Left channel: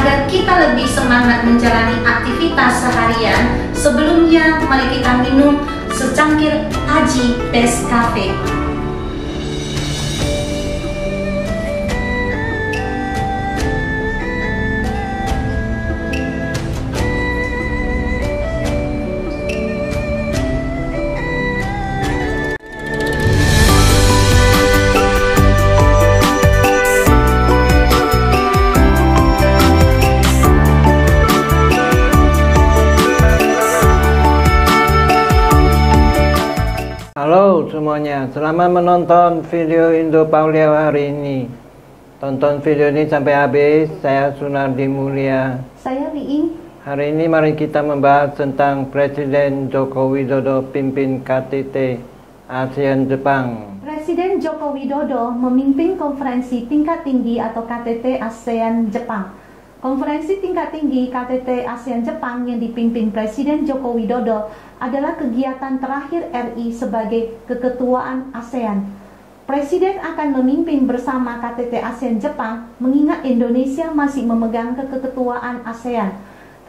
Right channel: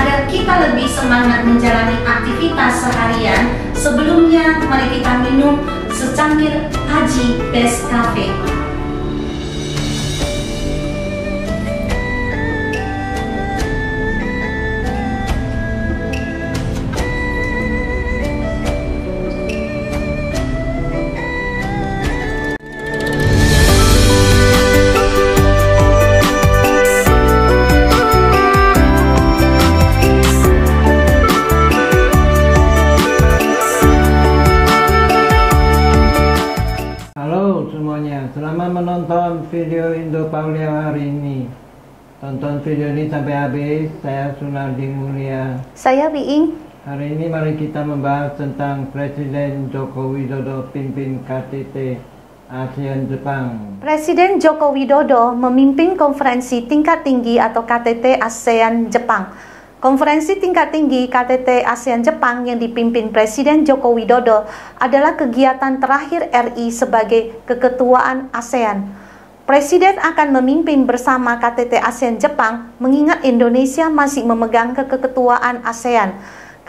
Agar kita lebih semangat menjalani aktivitas seharian, sebelumnya mari kita minum secangkir Haji Best Cafe. Halo semuanya, selamat menonton video Indo Paulia hari ini. Tonton video ini sampai habis. Saya Sunardi Mulia. Saya Wiing. Hari ini mari kita membahas tentang Presiden Joko Widodo pimpin KTT ASEAN Jepang. Presiden Joko Widodo memimpin konferensi tingkat tinggi atau KTT ASEAN Jepang. Konferensi tingkat tinggi KTT ASEAN Jepang yang dipimpin Presiden Joko Widodo adalah kegiatan terakhir RI sebagai keketuaan ASEAN. Presiden akan memimpin bersama KTT ASEAN Jepang mengingat Indonesia masih memegang keketuaan ASEAN.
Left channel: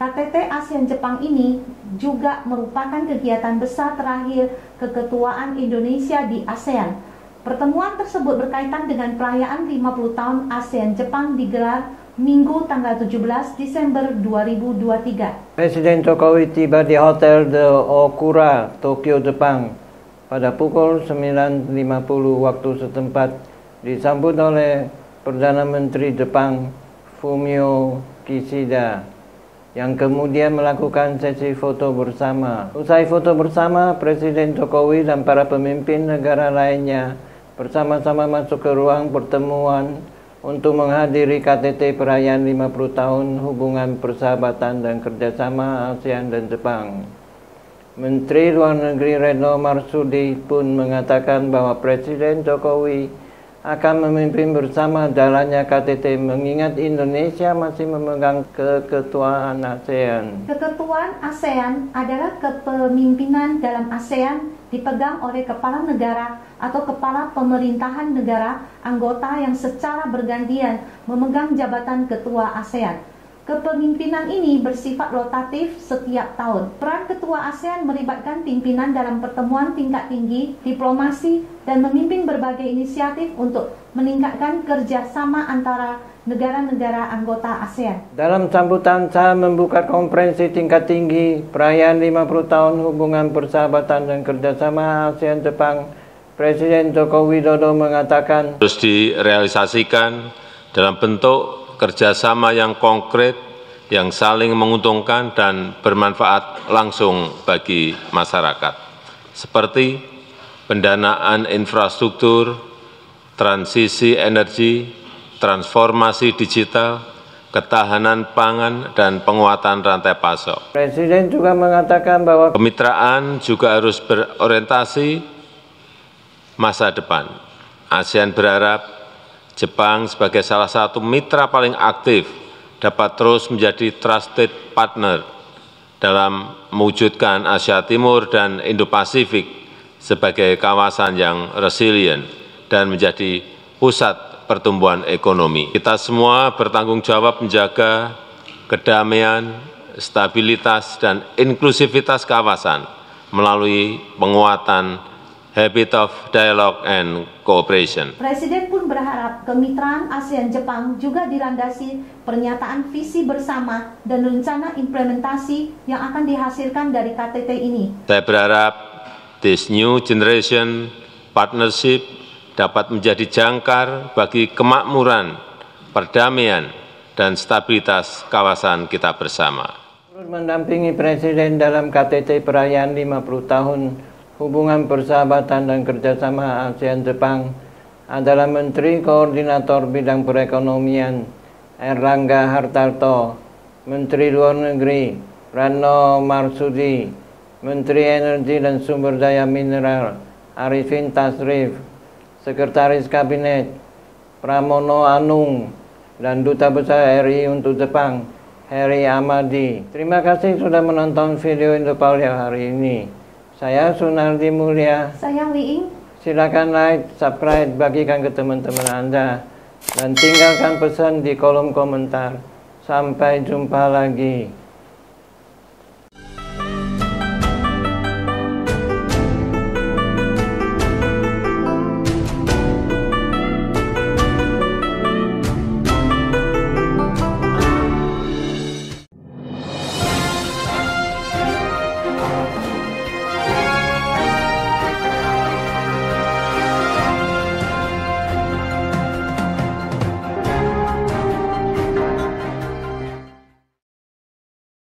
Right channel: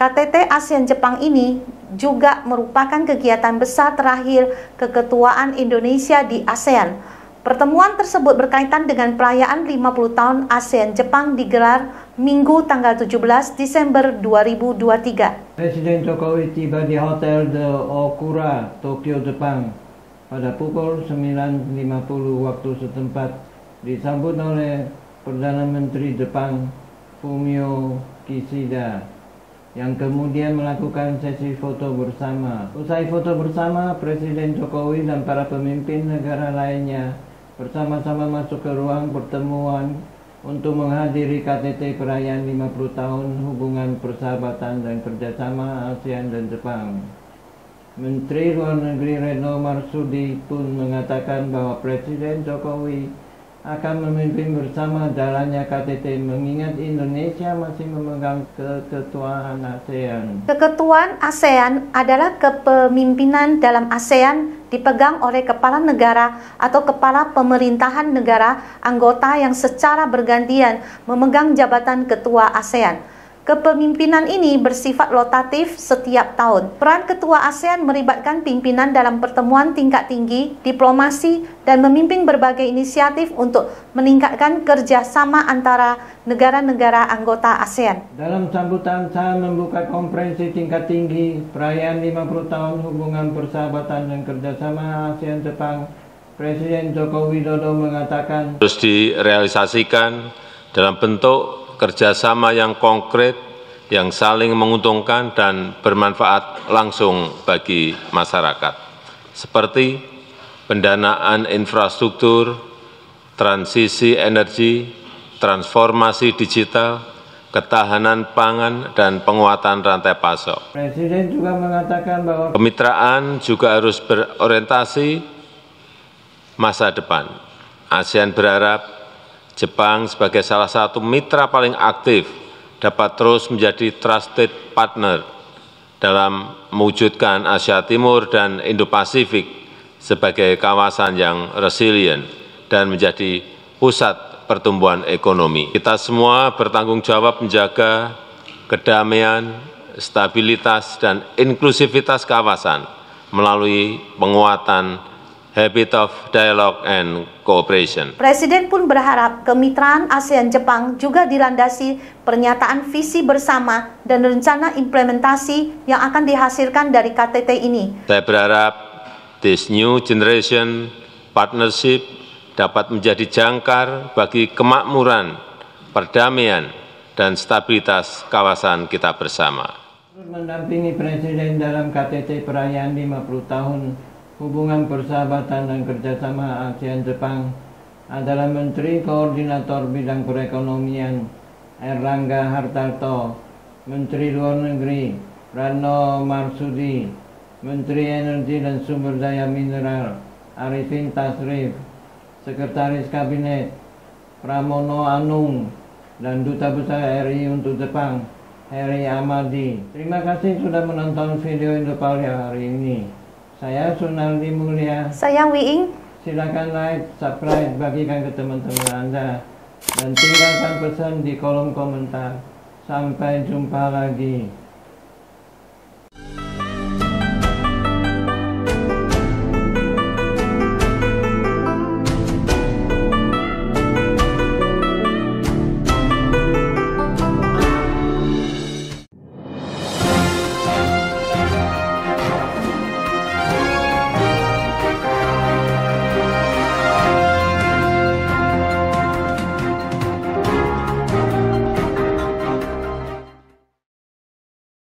KTT ASEAN Jepang ini juga merupakan kegiatan besar terakhir keketuaan Indonesia di ASEAN. Pertemuan tersebut berkaitan dengan perayaan 50 tahun ASEAN Jepang digelar Minggu tanggal 17 Desember 2023. Presiden Jokowi tiba di Hotel The Okura, Tokyo, Jepang pada pukul 9.50 waktu setempat, disambut oleh Perdana Menteri Jepang Fumio Kishida yang kemudian melakukan sesi foto bersama. Usai foto bersama, Presiden Jokowi dan para pemimpin negara lainnya bersama-sama masuk ke ruang pertemuan untuk menghadiri KTT perayaan 50 tahun hubungan persahabatan dan kerjasama ASEAN dan Jepang. Menteri Luar Negeri Retno Marsudi pun mengatakan bahwa Presiden Jokowi akan memimpin bersama jalannya KTT mengingat Indonesia masih memegang keketuaan ASEAN. Keketuaan ASEAN adalah kepemimpinan dalam ASEAN dipegang oleh kepala negara atau kepala pemerintahan negara anggota yang secara bergantian memegang jabatan ketua ASEAN. Kepemimpinan ini bersifat rotatif setiap tahun. Peran ketua ASEAN melibatkan pimpinan dalam pertemuan tingkat tinggi, diplomasi, dan memimpin berbagai inisiatif untuk meningkatkan kerjasama antara negara-negara anggota ASEAN. Dalam sambutan saat membuka konferensi tingkat tinggi perayaan 50 tahun hubungan persahabatan dan kerjasama ASEAN Jepang, Presiden Joko Widodo mengatakan harus direalisasikan dalam bentuk kerjasama yang konkret, yang saling menguntungkan dan bermanfaat langsung bagi masyarakat, seperti pendanaan infrastruktur, transisi energi, transformasi digital, ketahanan pangan, dan penguatan rantai pasok. Presiden juga mengatakan bahwa Kemitraan juga harus berorientasi masa depan. ASEAN berharap Jepang sebagai salah satu mitra paling aktif dapat terus menjadi trusted partner dalam mewujudkan Asia Timur dan Indo-Pasifik sebagai kawasan yang resilient dan menjadi pusat pertumbuhan ekonomi. Kita semua bertanggung jawab menjaga kedamaian, stabilitas, dan inklusivitas kawasan melalui penguatan habit of dialogue and cooperation. Presiden pun berharap kemitraan ASEAN-Jepang juga dilandasi pernyataan visi bersama dan rencana implementasi yang akan dihasilkan dari KTT ini. Saya berharap this new generation partnership dapat menjadi jangkar bagi kemakmuran, perdamaian, dan stabilitas kawasan kita bersama. Mendampingi Presiden dalam KTT perayaan 50 tahun hubungan persahabatan dan kerjasama ASEAN Jepang adalah Menteri Koordinator Bidang Perekonomian Erlangga Hartarto, Menteri Luar Negeri Retno Marsudi, Menteri Energi dan Sumber Daya Mineral Arifin Tasrif, Sekretaris Kabinet Pramono Anung, dan Duta Besar RI untuk Jepang Heri Amadi. Terima kasih sudah menonton video Indo Paulia hari ini. Saya Sunardi Mulia. Saya Wiing. Silakan like, subscribe, bagikan ke teman-teman Anda, dan tinggalkan pesan di kolom komentar. Sampai jumpa lagi.